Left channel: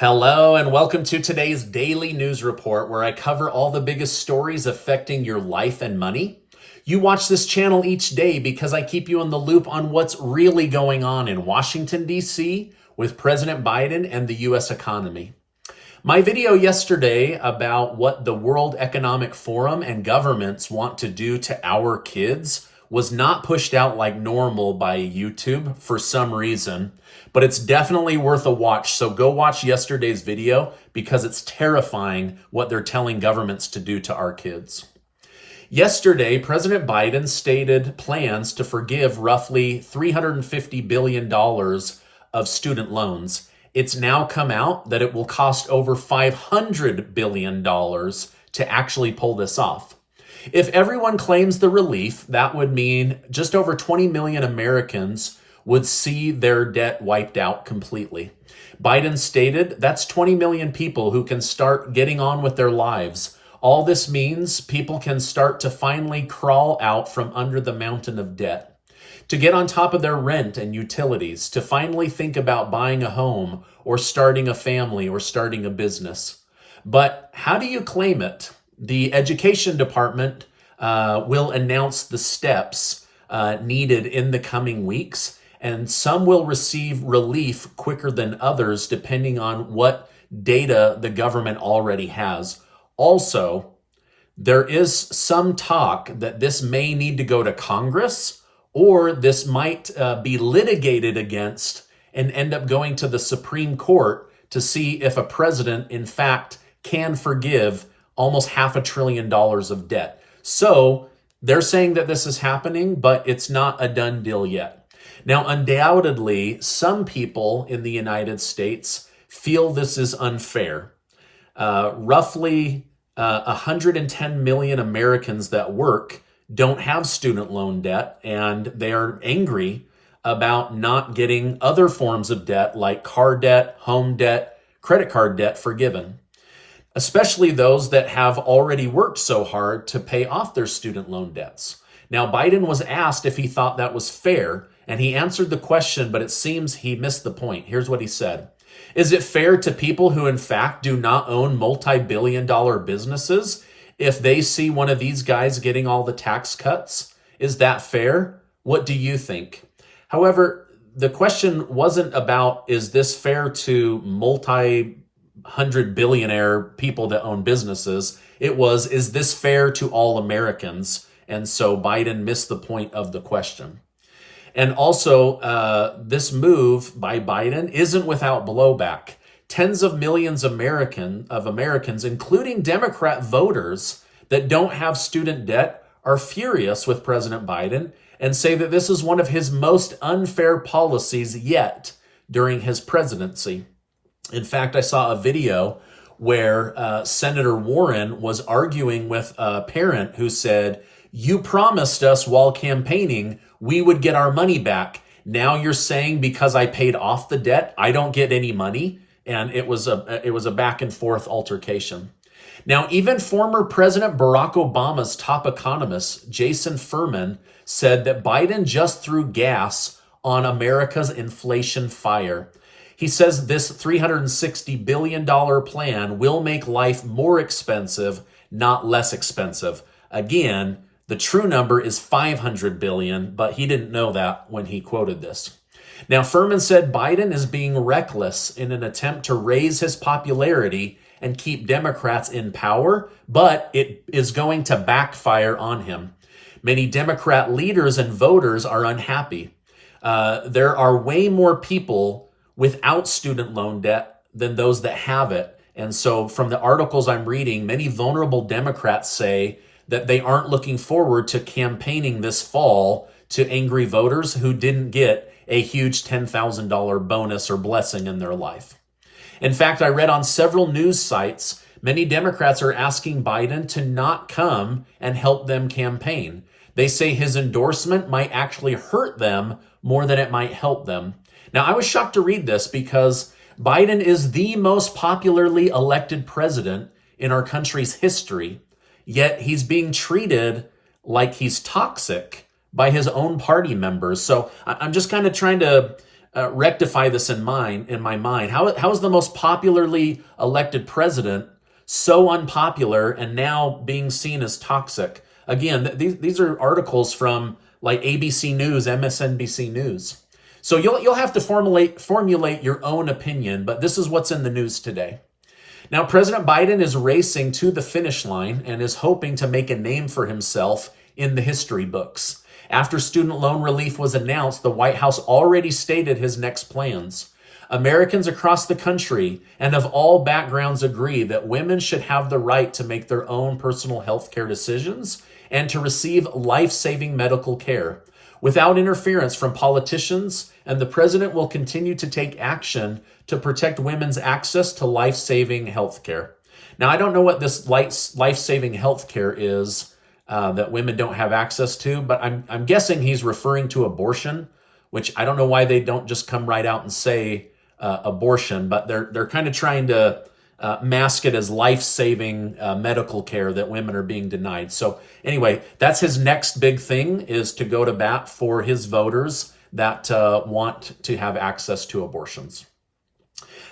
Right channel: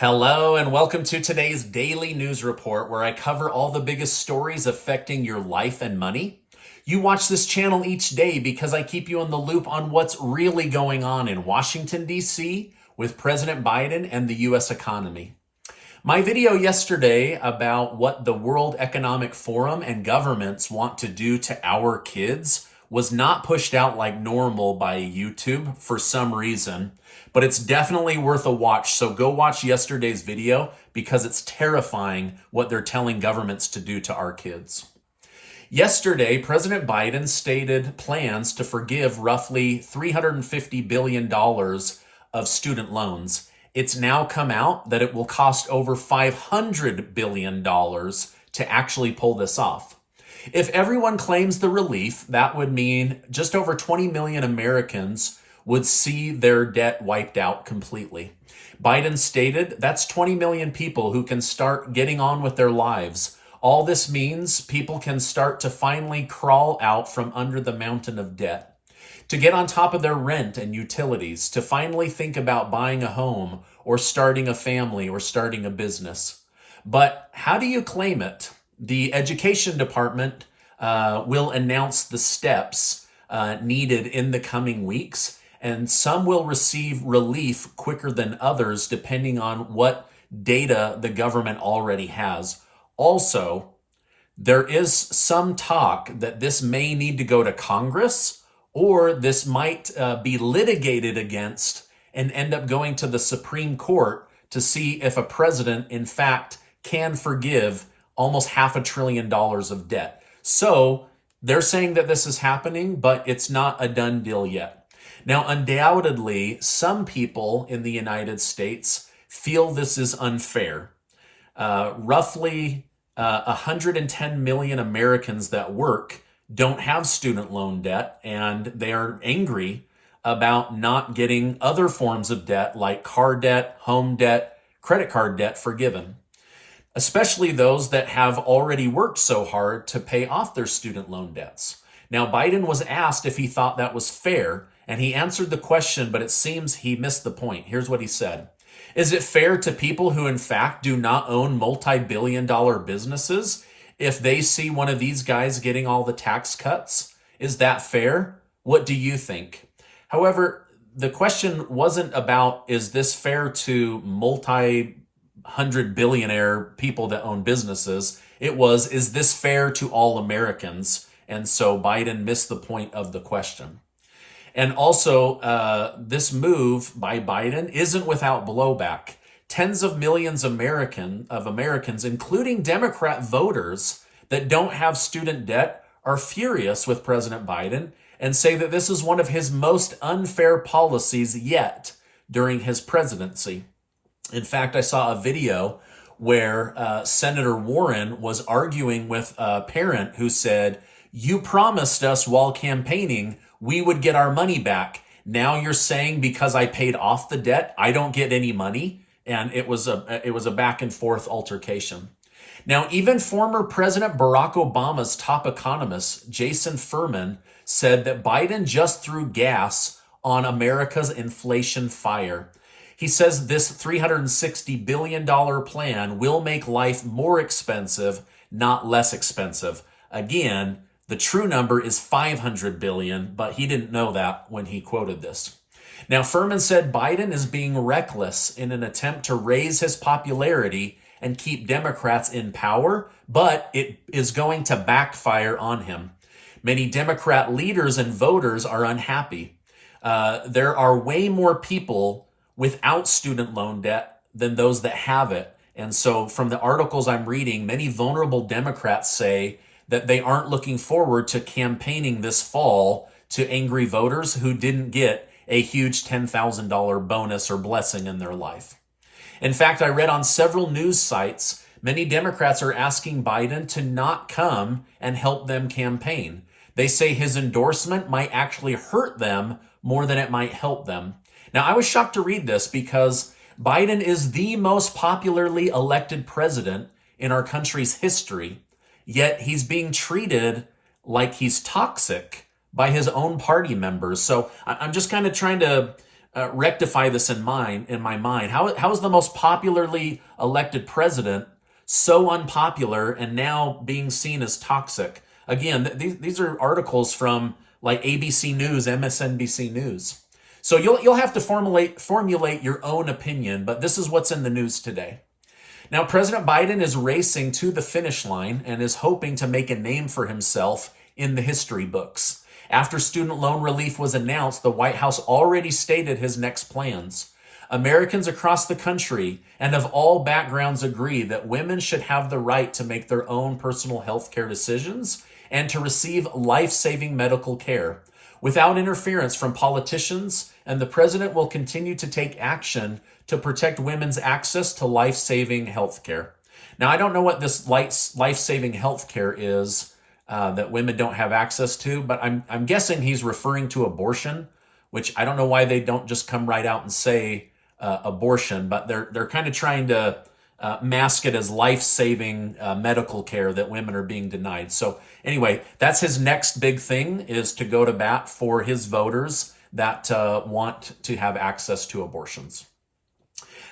Hello, and welcome to today's daily news report where I cover all the biggest stories affecting your life and money. You watch this channel each day because I keep you in the loop on what's really going on in Washington, D.C. with President Biden and the U.S. economy. My video yesterday about what the World Economic Forum and governments want to do to our kids was not pushed out like normal by YouTube for some reason, but it's definitely worth a watch. So go watch yesterday's video because it's terrifying what they're telling governments to do to our kids. Yesterday, President Biden stated plans to forgive roughly $350 billion of student loans. It's now come out that it will cost over $500 billion to actually pull this off. If everyone claims the relief, that would mean just over 20 million Americans would see their debt wiped out completely. Biden stated that's 20 million people who can start getting on with their lives. All this means people can start to finally crawl out from under the mountain of debt, to get on top of their rent and utilities, to finally think about buying a home or starting a family or starting a business. But how do you claim it? The Education Department will announce the steps needed in the coming weeks, and some will receive relief quicker than others depending on what data the government already has. Also, there is some talk that this may need to go to Congress, or this might be litigated against and end up going to the Supreme Court to see if a president, in fact, can forgive almost $500 billion of debt. So they're saying that this is happening, but it's not a done deal yet. Now, undoubtedly, some people in the United States feel this is unfair. Roughly 110 million Americans that work don't have student loan debt, and they're angry about not getting other forms of debt like car debt, home debt, credit card debt forgiven, especially those that have already worked so hard to pay off their student loan debts. Now, Biden was asked if he thought that was fair, and he answered the question, but it seems he missed the point. Here's what he said. Is it fair to people who, in fact, do not own multi-billion-dollar businesses if they see one of these guys getting all the tax cuts? Is that fair? What do you think? However, the question wasn't about, is this fair to multi-hundred billionaire people that own businesses? It was, is this fair to all Americans? And so Biden missed the point of the question. And also, this move by Biden isn't without blowback. Tens of millions of Americans, including Democrat voters that don't have student debt, are furious with President Biden and say that this is one of his most unfair policies yet during his presidency. In fact, I saw a video where Senator Warren was arguing with a parent who said, "You promised us while campaigning we would get our money back. Now you're saying because I paid off the debt, I don't get any money?" And it was a back and forth altercation. Now, even former President Barack Obama's top economist, Jason Furman, said that Biden just threw gas on America's inflation fire. He says this $360 billion plan will make life more expensive, not less expensive. Again, the true number is $500 billion, but he didn't know that when he quoted this. Now, Furman said Biden is being reckless in an attempt to raise his popularity and keep Democrats in power, but it is going to backfire on him. Many Democrat leaders and voters are unhappy. There are way more people without student loan debt than those that have it. And so from the articles I'm reading, many vulnerable Democrats say that they aren't looking forward to campaigning this fall to angry voters who didn't get a huge $10,000 bonus or blessing in their life. In fact, I read on several news sites, many Democrats are asking Biden to not come and help them campaign. They say his endorsement might actually hurt them more than it might help them. Now, I was shocked to read this because Biden is the most popularly elected president in our country's history. Yet he's being treated like he's toxic by his own party members. So I'm just kind of trying to rectify this in my mind. How is the most popularly elected president so unpopular and now being seen as toxic? Again, these are articles from like ABC News, MSNBC News. So you'll have to formulate your own opinion, but this is what's in the news today. Now, President Biden is racing to the finish line and is hoping to make a name for himself in the history books. After student loan relief was announced, the White House already stated his next plans. Americans across the country and of all backgrounds agree that women should have the right to make their own personal health care decisions and to receive life-saving medical care without interference from politicians, and the president will continue to take action to protect women's access to life-saving health care. Now, I don't know what this life-saving health care is that women don't have access to, but I'm guessing he's referring to abortion, which I don't know why they don't just come right out and say abortion, but they're kind of trying to mask it as life-saving medical care that women are being denied. So anyway, that's his next big thing, is to go to bat for his voters that want to have access to abortions.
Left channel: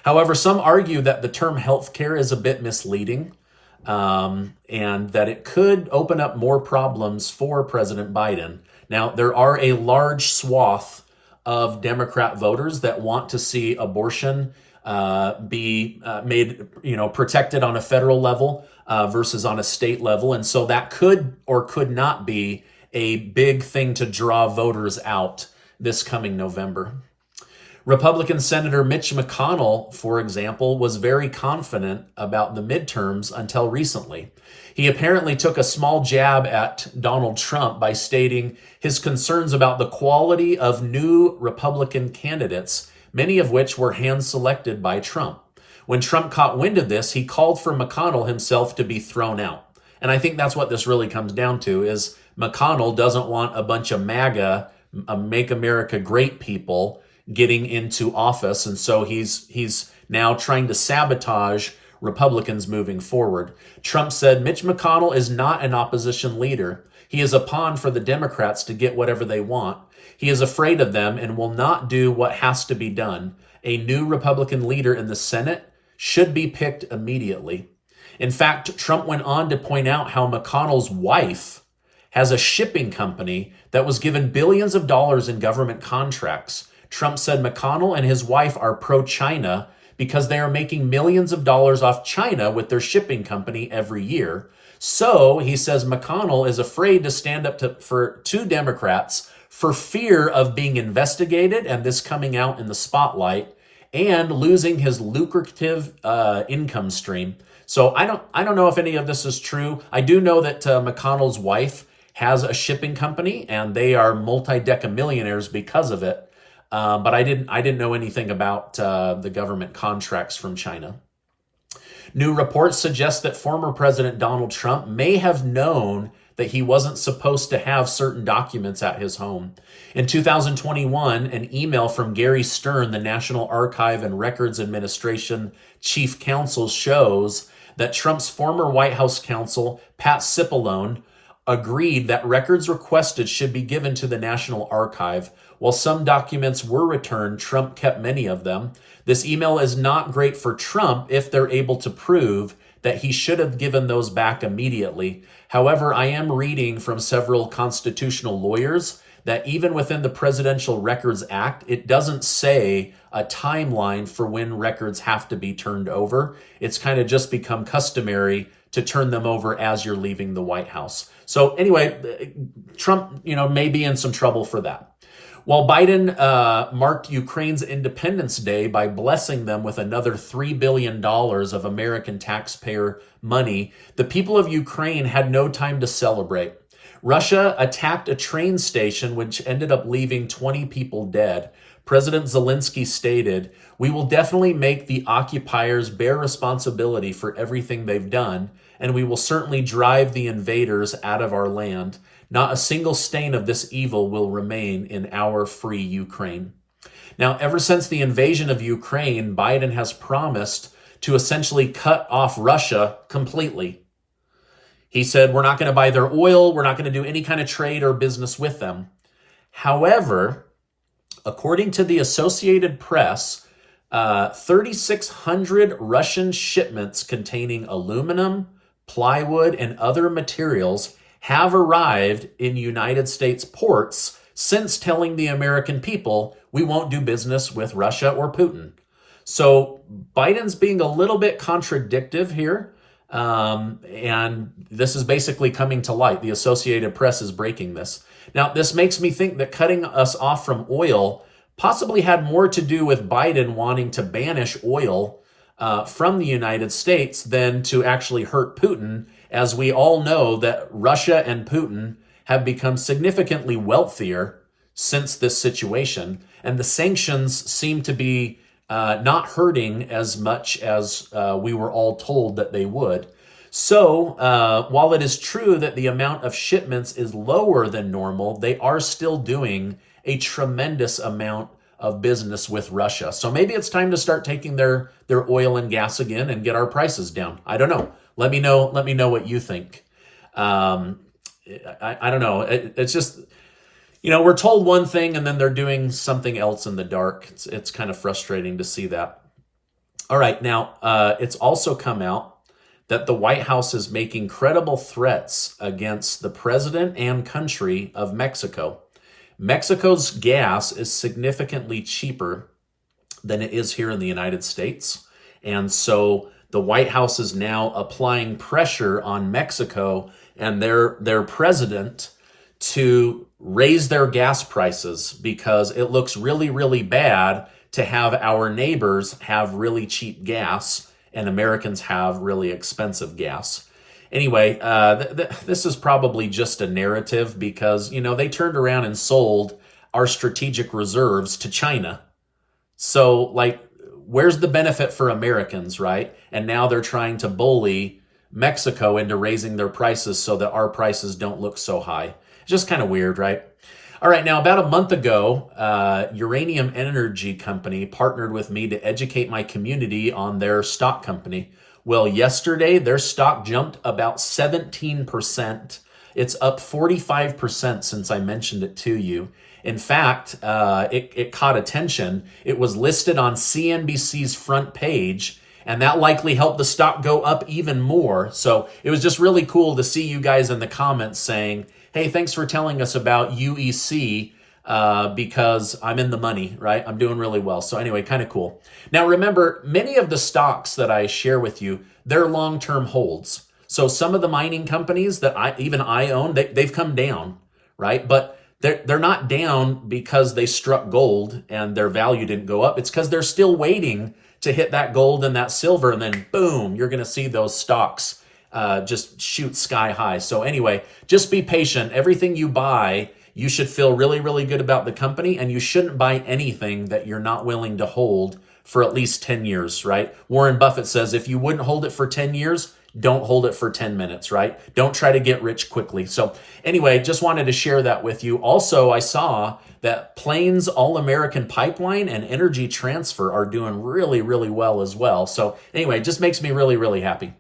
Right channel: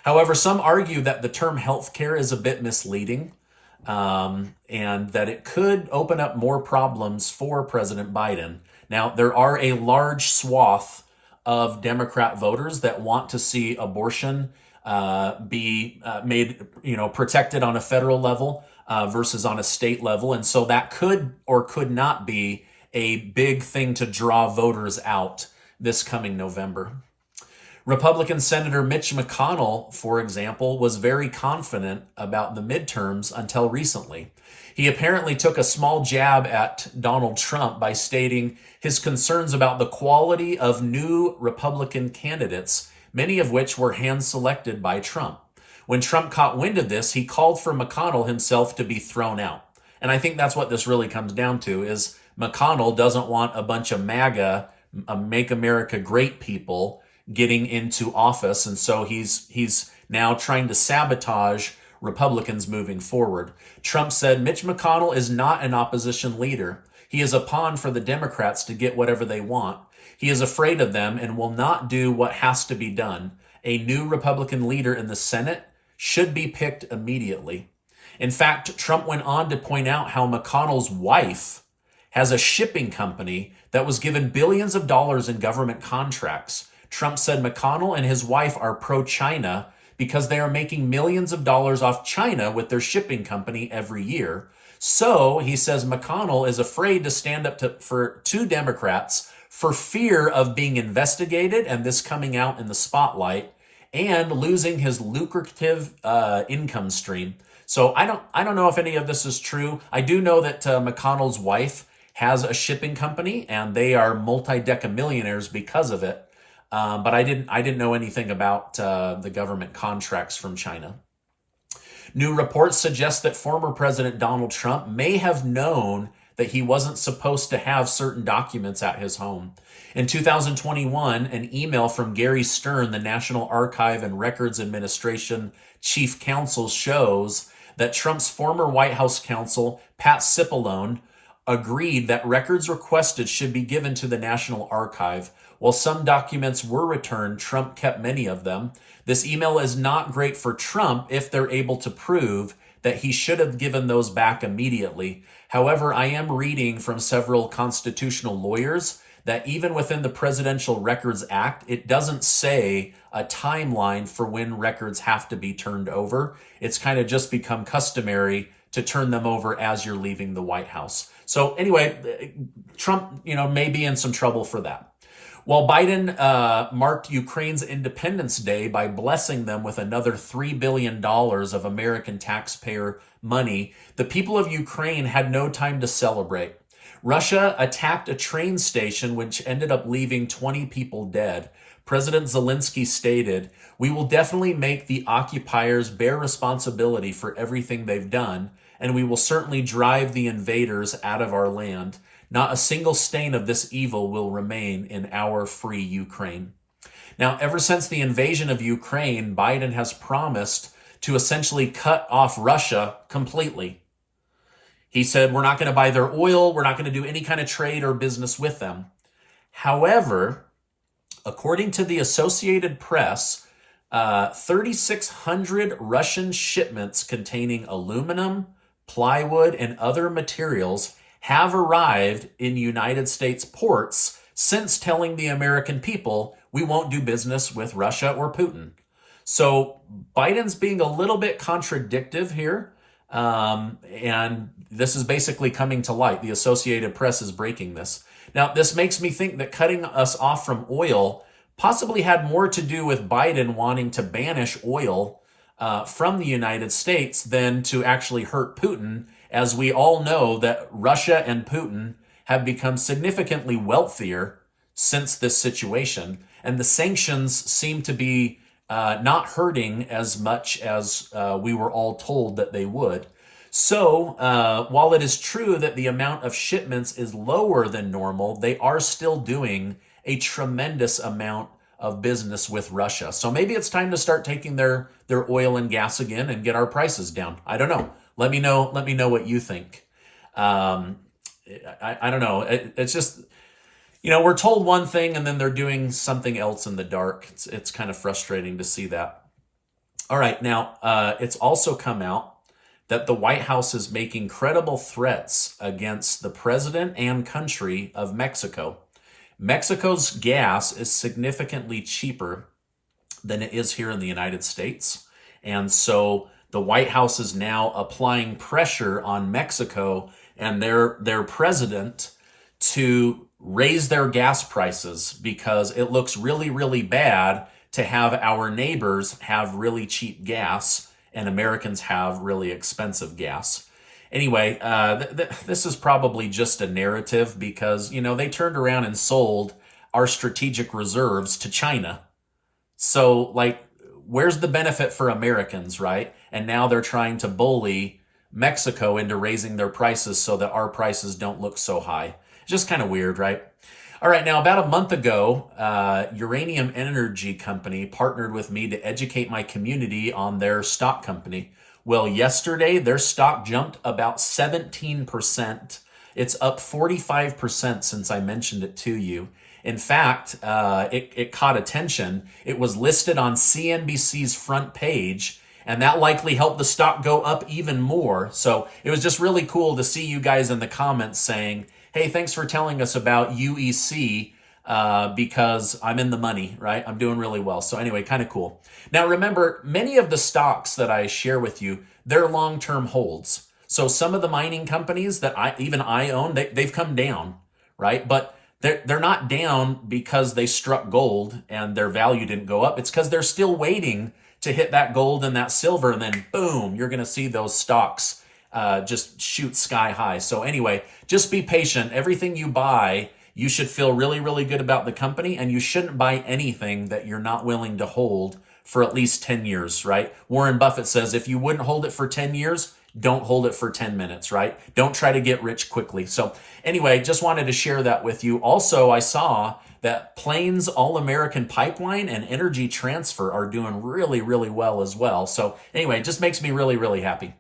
However, some argue that the term health care is a bit misleading, and that it could open up more problems for President Biden. Now, there are a large swath of Democrat voters that want to see abortion be made, protected on a federal level versus on a state level. And so that could or could not be a big thing to draw voters out this coming November. Republican Senator Mitch McConnell, for example, was very confident about the midterms until recently. He apparently took a small jab at Donald Trump by stating his concerns about the quality of new Republican candidates, many of which were hand-selected by Trump. When Trump caught wind of this, he called for McConnell himself to be thrown out. And I think that's what this really comes down to, is McConnell doesn't want a bunch of MAGA, Make America Great people getting into office. And so he's now trying to sabotage Republicans moving forward. Trump said Mitch McConnell is not an opposition leader. He is a pawn for the Democrats to get whatever they want. He is afraid of them and will not do what has to be done. A new Republican leader in the Senate should be picked immediately. In fact, Trump went on to point out how McConnell's wife has a shipping company that was given billions of dollars in government contracts. Trump said McConnell and his wife are pro-China because they are making millions of dollars off China with their shipping company every year. So he says McConnell is afraid to stand up to Democrats for fear of being investigated and this coming out in the spotlight and losing his lucrative income stream. So I don't know if any of this is true. I do know that McConnell's wife has a shipping company and they are multi-decamillionaires because of it. But I didn't know anything about the government contracts from China. New reports suggest that former President Donald Trump may have known that he wasn't supposed to have certain documents at his home. In 2021, an email from Gary Stern, the National Archive and Records Administration Chief Counsel, shows that Trump's former White House counsel, Pat Cipollone, agreed that records requested should be given to the National Archive. While some documents were returned, Trump kept many of them. This email is not great for Trump if they're able to prove that he should have given those back immediately. However, I am reading from several constitutional lawyers that even within the Presidential Records Act, it doesn't say a timeline for when records have to be turned over. It's kind of just become customary to turn them over as you're leaving the White House. So anyway, Trump, may be in some trouble for that. While Biden marked Ukraine's Independence Day by blessing them with another $3 billion of American taxpayer money, the people of Ukraine had no time to celebrate. Russia attacked a train station, which ended up leaving 20 people dead. President Zelensky stated, "We will definitely make the occupiers bear responsibility for everything they've done, and we will certainly drive the invaders out of our land. Not a single stain of this evil will remain in our free Ukraine." Now, ever since the invasion of Ukraine, Biden has promised to essentially cut off Russia completely. He said, we're not going to buy their oil. We're not going to do any kind of trade or business with them. However, According to the Associated Press, 3,600 Russian shipments containing aluminum, plywood, and other materials have arrived in United States ports since telling the American people we won't do business with Russia or Putin. So Biden's being a little bit contradictive here. And this is basically coming to light. The Associated Press is breaking this. Now, this makes me think that cutting us off from oil possibly had more to do with Biden wanting to banish oil from the United States than to actually hurt Putin, as we all know that Russia and Putin have become significantly wealthier since this situation, and the sanctions seem to be not hurting as much as we were all told that they would. So while it is true that the amount of shipments is lower than normal, they are still doing a tremendous amount of business with Russia. So maybe it's time to start taking their oil and gas again and get our prices down. I don't know. Let me know what you think. I don't know. It's just, we're told one thing and then they're doing something else in the dark. It's kind of frustrating to see that. All right. Now, it's also come out that the White House is making credible threats against the president and country of Mexico. Mexico's gas is significantly cheaper than it is here in the United States. And so the White House is now applying pressure on Mexico and their president to raise their gas prices, because it looks really, really bad to have our neighbors have really cheap gas and Americans have really expensive gas. Anyway, this is probably just a narrative because, they turned around and sold our strategic reserves to China. So, where's the benefit for Americans, right? And now they're trying to bully Mexico into raising their prices so that our prices don't look so high. Just kind of weird, right? All right, now about a month ago, Uranium Energy Company partnered with me to educate my community on their stock company. Well, yesterday, their stock jumped about 17%. It's up 45% since I mentioned it to you. In fact, it caught attention. It was listed on CNBC's front page, and that likely helped the stock go up even more. So it was just really cool to see you guys in the comments saying, hey, thanks for telling us about UEC because I'm in the money, right? I'm doing really well. So anyway, kind of cool. Now, remember, many of the stocks that I share with you, they're long-term holds. So some of the mining companies that I own, they've come down, right? But they're not down because they struck gold and their value didn't go up. It's because they're still waiting to hit that gold and that silver, and then boom, you're going to see those stocks just shoot sky high. So anyway, just be patient. Everything you buy, you should feel really, really good about the company, and you shouldn't buy anything that you're not willing to hold for at least 10 years, right? Warren Buffett says if you wouldn't hold it for 10 years, don't hold it for 10 minutes, right? Don't try to get rich quickly. So anyway, just wanted to share that with you. Also, I saw that Plains All-American Pipeline and Energy Transfer are doing really, really well as well. So anyway, it just makes me really, really happy.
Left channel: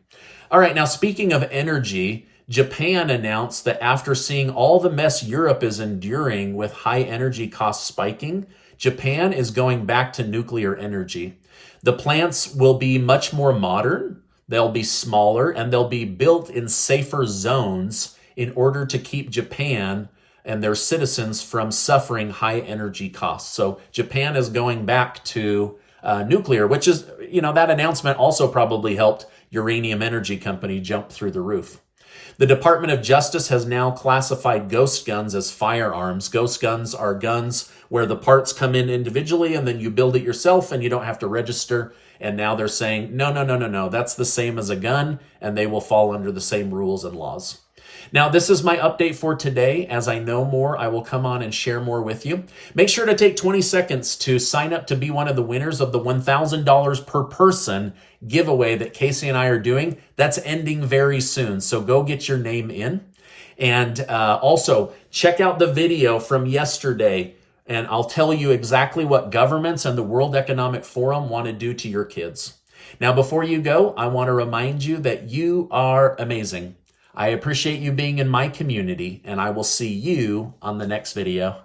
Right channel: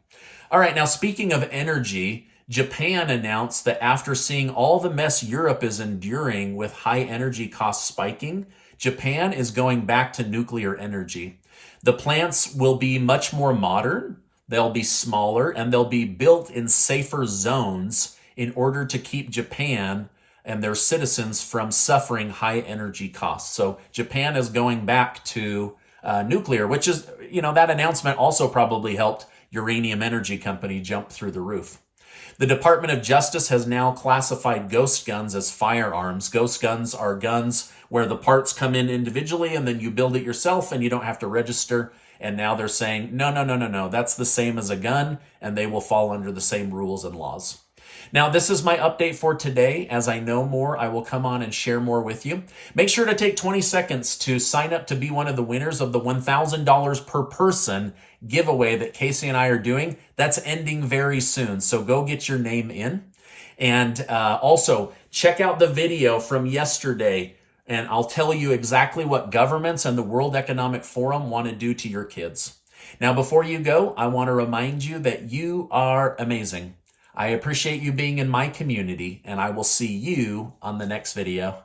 All right, now speaking of energy, Japan announced that after seeing all the mess Europe is enduring with high energy costs spiking, Japan is going back to nuclear energy. The plants will be much more modern, they'll be smaller, and they'll be built in safer zones in order to keep Japan and their citizens from suffering high energy costs. So Japan is going back to nuclear, which is, that announcement also probably helped Uranium Energy Company jump through the roof. The Department of Justice has now classified ghost guns as firearms. Ghost guns are guns where the parts come in individually and then you build it yourself and you don't have to register. And now they're saying, no, that's the same as a gun, and they will fall under the same rules and laws. Now, this is my update for today. As I know more, I will come on and share more with you. Make sure to take 20 seconds to sign up to be one of the winners of the $1,000 per person giveaway that Casey and I are doing. That's ending very soon, so go get your name in. And also, check out the video from yesterday, and I'll tell you exactly what governments and the World Economic Forum want to do to your kids. Now, before you go, I want to remind you that you are amazing. I appreciate you being in my community, and I will see you on the next video.